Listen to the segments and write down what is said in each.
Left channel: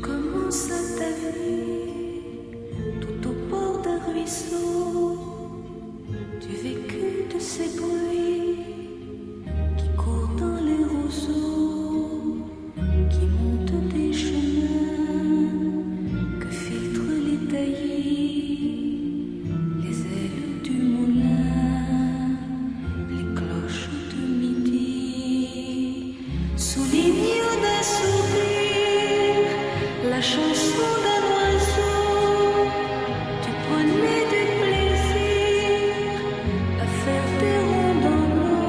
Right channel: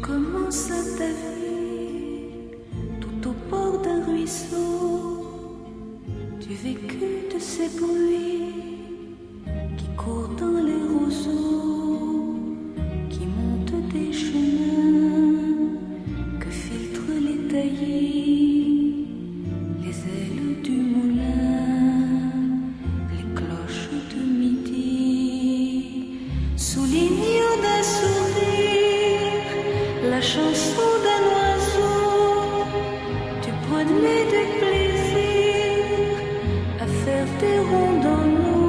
commences ta vie tout au bord d'un ruisseau. Tu vécus de ces bruits qui courent dans les roseaux, qui montent des chemins que filtrent les taillis, les ailes du moulin, les cloches de midi, soulignent d'un sourire la chanson d'un oiseau. Tu prenais du plaisir à faire des ronds dans l'eau.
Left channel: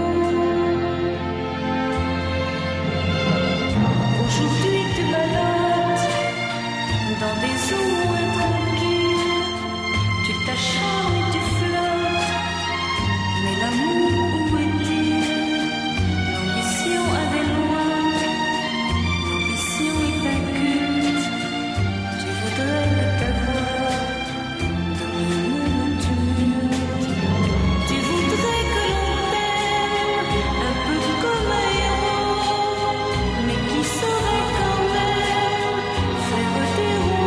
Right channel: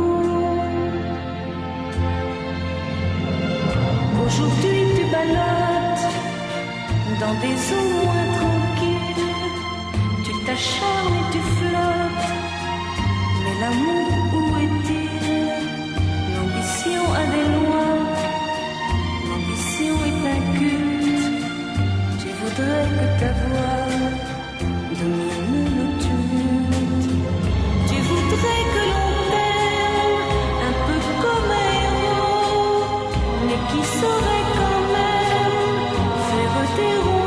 Aujourd'hui tu ballottes dans des eaux moins tranquilles. Tu t'acharnes et tu flottes, mais l'amour où est-il? L'ambition a des lois, l'ambition est un culte. Tu voudrais que ta voix domine le tumulte. Tu voudrais que l'on t'aime un peu comme un héros, mais qui saurait quand même faire des ronds